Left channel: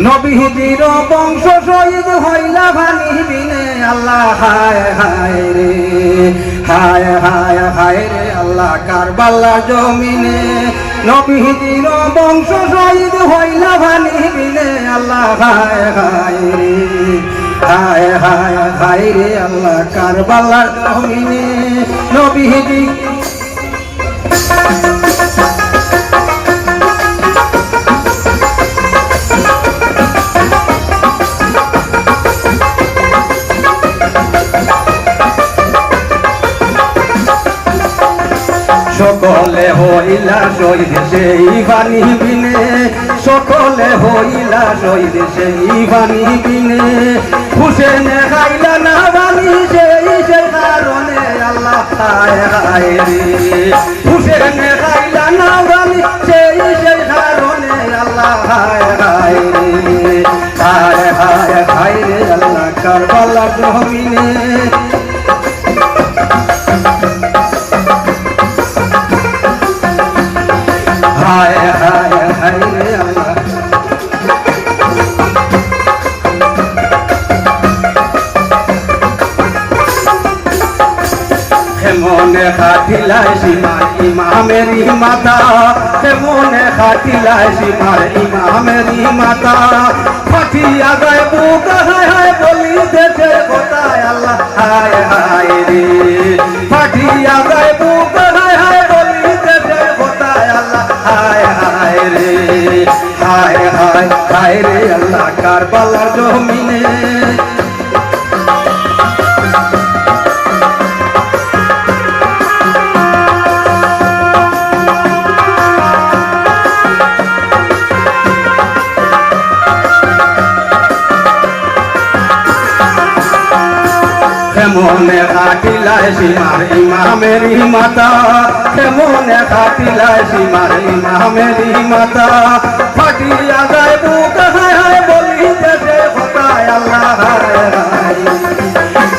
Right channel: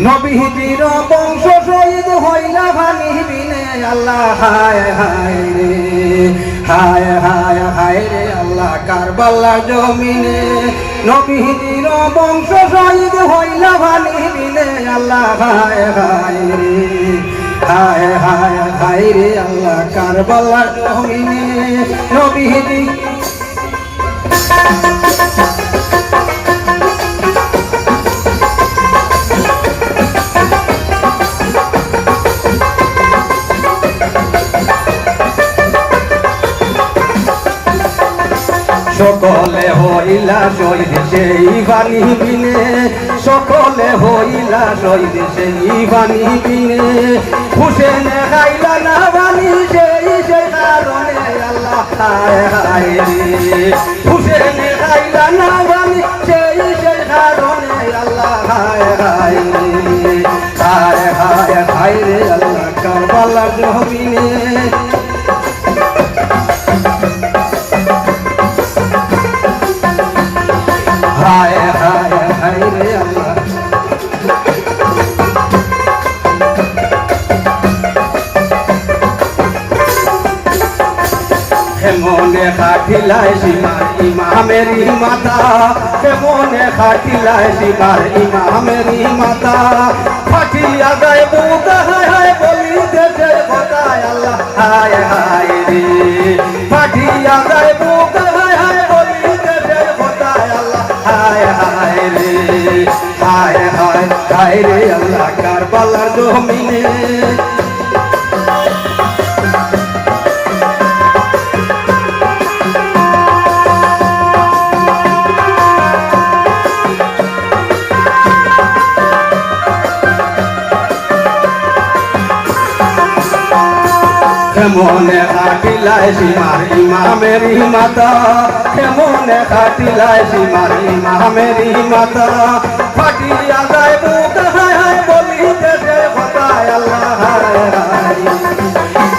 নবীজির বংশ শহীদ হইলা ভানি বিনে আল্লাহ হায় হায় রে হায় হায় হায় রে আল্লাহ কারবালার জমিনে নবীজির বংশ শহীদ হইলা ভানি বিনে আল্লাহ হায় হায় রে হায় হায় হায় রে আল্লাহ কারবালার জমিনে নবীজি সকলে হইলা শহীদ সেই বাণী বিনে সকলে হইলা শহীদ সেই বাণী বিনে হুসেনে খাইলা না বাণী সেই কারণে আল্লাহ হায় হায় রে হুসেনে খাইলা না বাণী সেই কারণে আল্লাহ হায় হায় রে হায় হায় হায় রে আল্লাহ কারবালার জমিনে হায় হায় হায় রে আল্লাহ হেমনে খাটিলায় সীমার ইমামেরি মাতা হেমনে খাটিলায় সীমার ইমামেরি মাতা ফাটিয়া যায় বুক হায় হায় বলি দেশে কোথায় আল্লাহ হায় হায় রে ফাটিয়া যায় বুক হায় হায় বলি দেশে কোথায় আল্লাহ হায় হায় রে হায় হায় হায় রে আল্লাহ কারবালার জমিনে হেমনে খাটিলায় সীমার ইমামেরি মাতা হেমনে খাটিলায় সীমার ইমামেরি মাতা ফাটিয়া যায় বুক হায় হায় বলি দেশে কোথায় আল্লাহ হায় হায়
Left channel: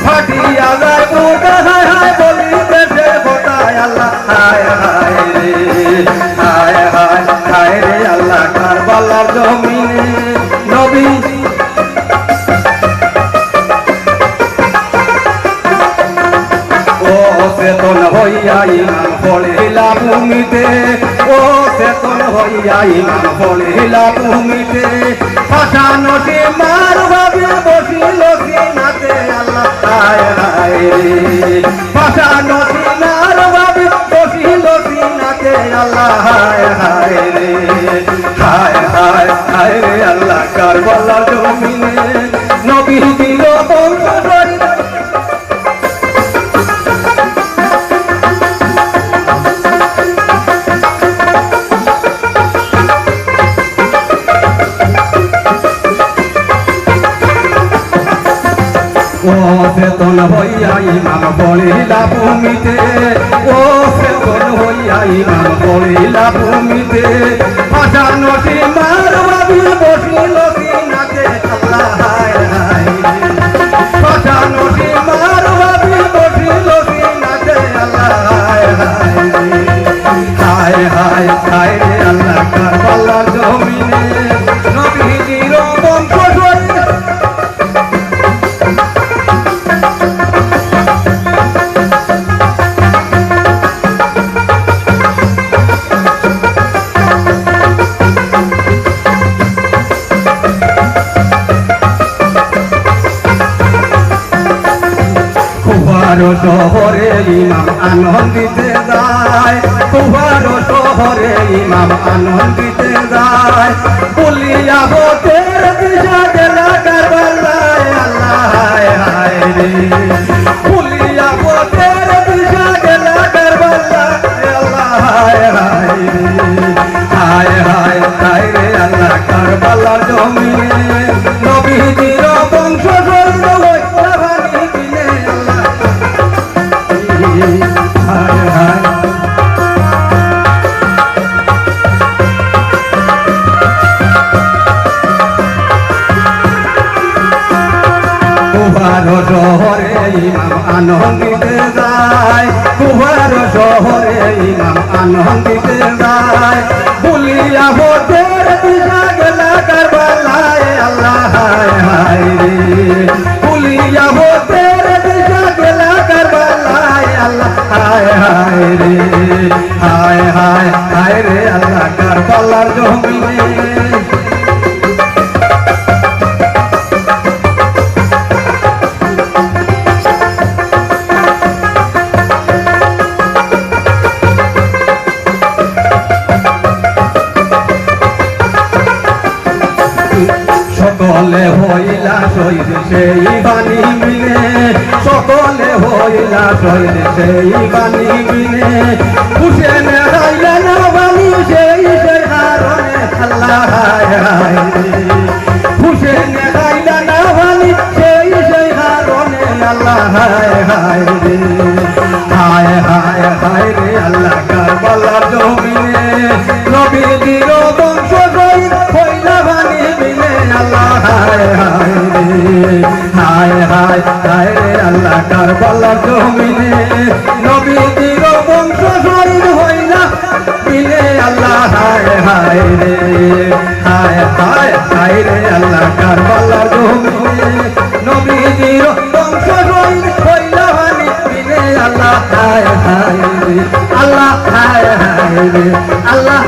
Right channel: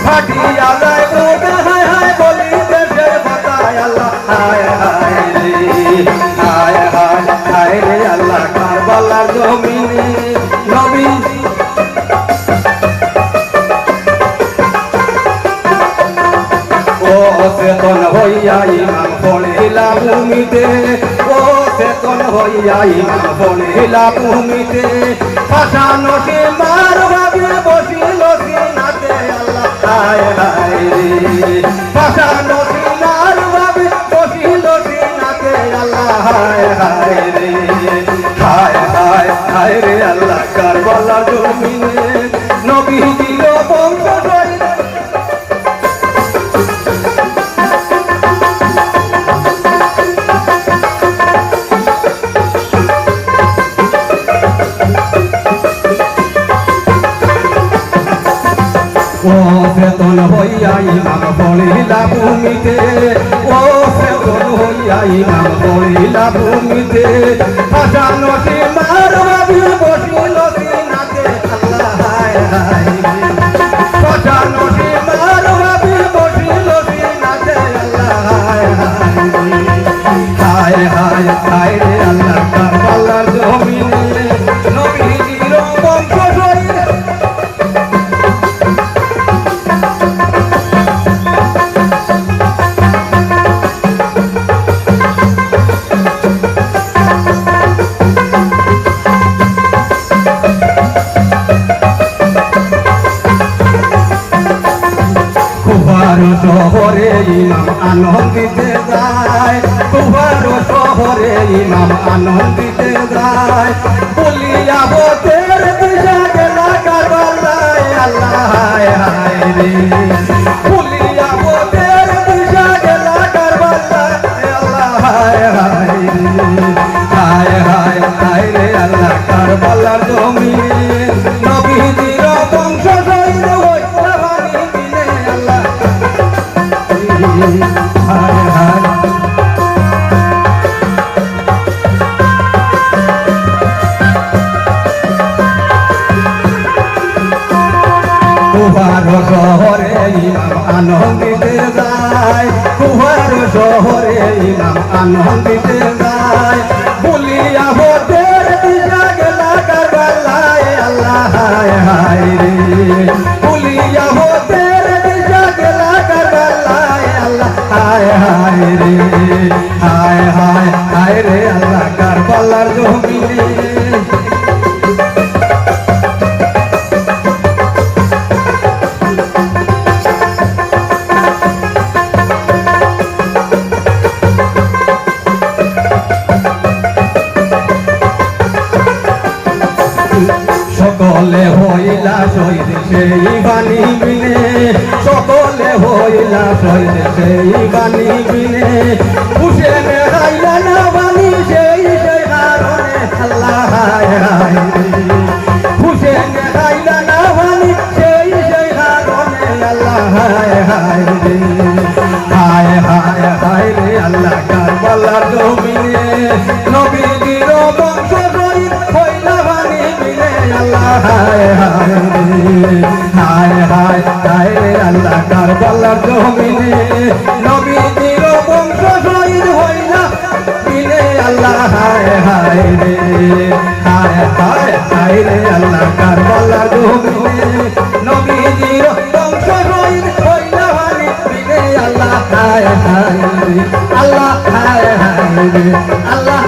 ফাটিয়া যায় বুক হায় হায় বলি দেশে কোথায় আল্লাহ হায় হায় রে হায় হায় হায় রে আল্লাহ কারবালার জমিনে নবী চেতন হইয়া ইমান পড়িলা ভূমিতে ও চেতন হইয়া ইমান পড়িলা ভূমিতে পাশানো সে মার ভাবে বসিল সিনাতে আল্লাহ হায় হায় রে পাশানো সে মার ভাবে বসিল সিনাতে আল্লাহ হায় হায় রে হায় হায় হায় রে আল্লাহ কারবালার জমিনে নবীজির বংশ শহীদ ও চেতন হইয়া ইমাম পড়িলা ভূমিতে ও চেতন হইয়া ইমাম পড়িলা ভূমিতে পাশানো সীমার ভাবি বসিল সিনাতে আল্লাহ হায় হায় পাশানো সীমার ভাবি বসিল সিনাতে আল্লাহ হায় হায় হায় হায় রে আল্লাহ কারবালার জমিনে নবীজির বংশ কুহারো শহরে ইমাম আনন্দিতে যায় কুহারো শহরে ইমাম আনন্দিতে যায় বলিয়া হোতের দিশা গেলা কারবালায় আল্লাহ হায় হায় রে বলিয়া হোতের দিশা গেলা কারবালায় আল্লাহ হায় হায় রে হায় হায় হায় রে আল্লাহ কারবালার জমিনে নবীজির বংশ শহীদ হইলা ভানি বিনে আল্লাহ হায় হায় কুহারো শহরে ইমাম আনন্দিতে যায় কুহারো শহরে ইমাম আনন্দিতে যায় বলিয়া হোতের দিশা গেলা কারবালায় সকলে হইলা শহীদ সেই বাণী বিনে, সকলে হইলা শহীদ সেই বাণী বিনে, হুসেন হাইলা না বাণী সেই সেই কারণে আল্লাহ হায় হায় রে। হুসেন হাইলা না বাণী সেই সেই কারণে আল্লাহ হায় হায় রে। হায় হায় হায় রে আল্লাহ কারবালার জমিনে নবীজির বংশ শহীদ হইলা বাণী বিনে আল্লাহ হায় হায় রে। হায় হায় হায় রে আল্লাহ কারবালার জমিনে নবীজির বংশ শহীদ হইলা বিনে আল্লাহ হায় হায় রে। হায় হায় হায় রে আল্লাহ কারবালার জমিনে নবীজির বংশ শহীদ হইলা বাণী বিনে আল্লাহ হায় হায় রে। আল্লাহ হায় হায় রে, আল্লাহ